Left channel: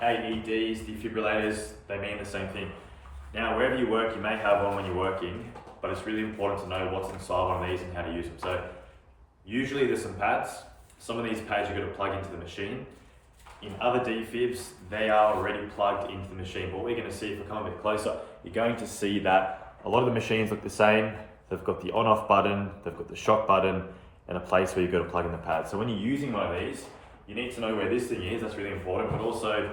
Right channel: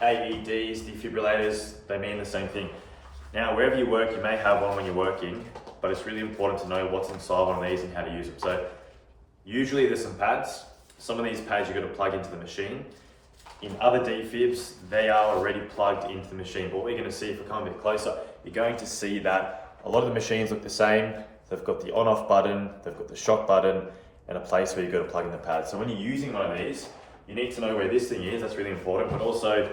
AEDs, defibrillators, they mean the same thing. Now, wherever you work, you may have one when you're working, but it's really important to know what's inside one of these and how to use them. So usually there's some pads. Some of these pads you've got to plug into the machine. In other defibs, they are already plugged into the machine. But what we're going to see, if I come a bit closer, you're going to see that a lot of the machines look the same. They've got the on-off button, they've got the shock button, and a place where you've got to plug in the pad. So when you're using one of these, you need to know where this thing is. That's really important. But also,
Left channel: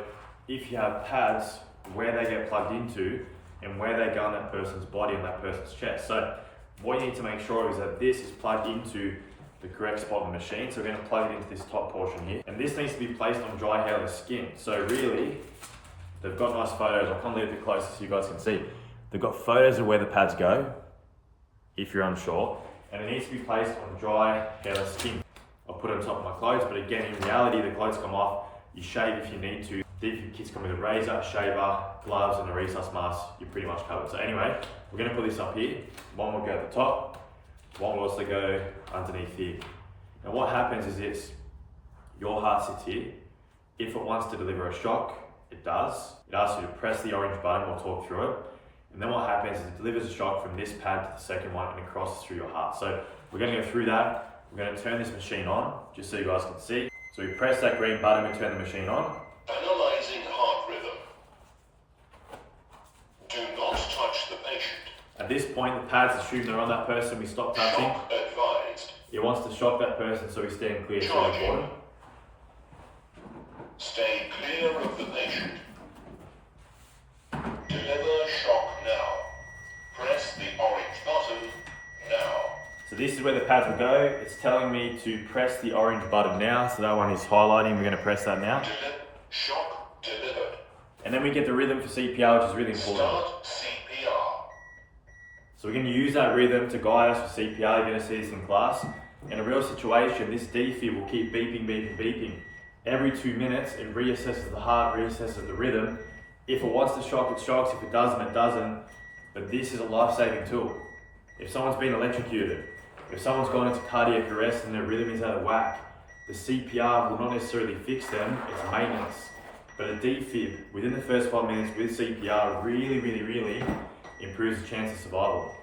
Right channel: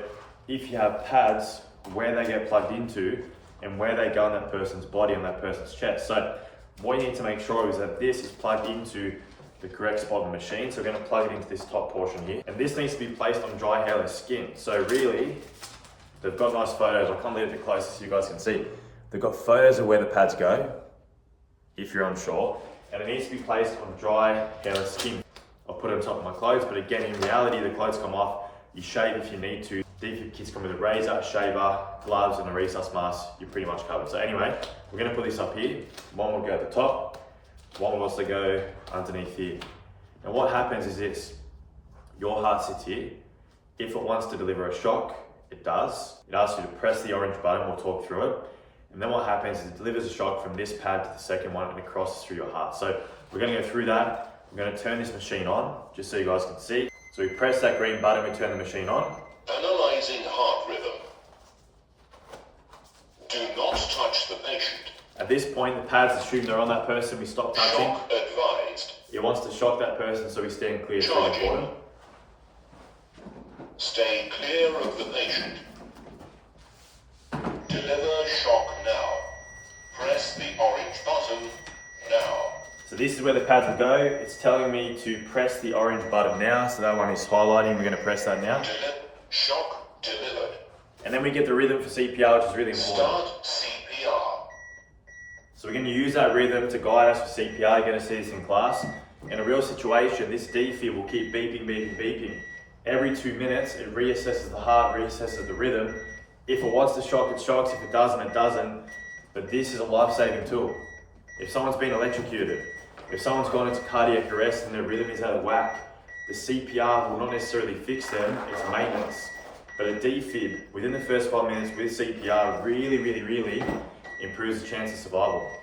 if you have pads, where they get plugged into and where they go on that person's body, on that person's chest. So what you need to make sure is that this is plugged into the correct spot on the machine. So we're going to plug it into this top portion here. And this needs to be placed on dry, hairless skin. So really, they've got nice photos. I'll come a little bit closer so you guys can see. They've got photos of where the pads go, if you're unsure. And it needs to be placed on dry, hairless skin. I'll put it on top of my clothes, but again, in reality, the clothes come off. You shave if you need to. Defib kits come with a razor, shaver, gloves, and a resus mask. You're pretty much covered. So anyway, we're going to put this up here. One will go at the top. One will also go underneath here. Now what happens is this. Your heart sits here. If it wants to deliver a shock, it does. It asks you to press the orange button. We'll talk through it. And then what happens is it delivers a shock from this pad to the second one and it crosses through your heart. So we're going to go through that. We're going to turn this machine on, just so you guys can see. So we press that green button, we turn the machine on. Analyzing heart rhythm. Do not touch the patient. At this point, the pads assume they're on that person, we stop touching. Shock advised. It wants to shock that person, so we stand clear. It's really important. Stay clear of the patient. Deliver shock now. Press the orange button now. So this is where the pads will go. It's telling me to press the orange button now. So that one is highlighting. We're going to press that now. Shock delivered. And then we get the rhythm for CPR, which is really important. Start CPR. So we're going to use that rhythm to guide us for CPR. You're going to see this in class. In a real situation, this defib will keep beeping, beeping, beeping. Every 2 minutes, it reassesses the heart, reassesses the rhythm. If it wants to shock, it shocks. If it doesn't, it doesn't. But this is a life-saving tool. If someone's been electrocuted, if someone's gone into cardiac arrest and their rhythm is out of whack, the CPR will not necessarily fix them, it's maintenance. But a defib, within the first 5 minutes with CPR, really improves the chance of survival.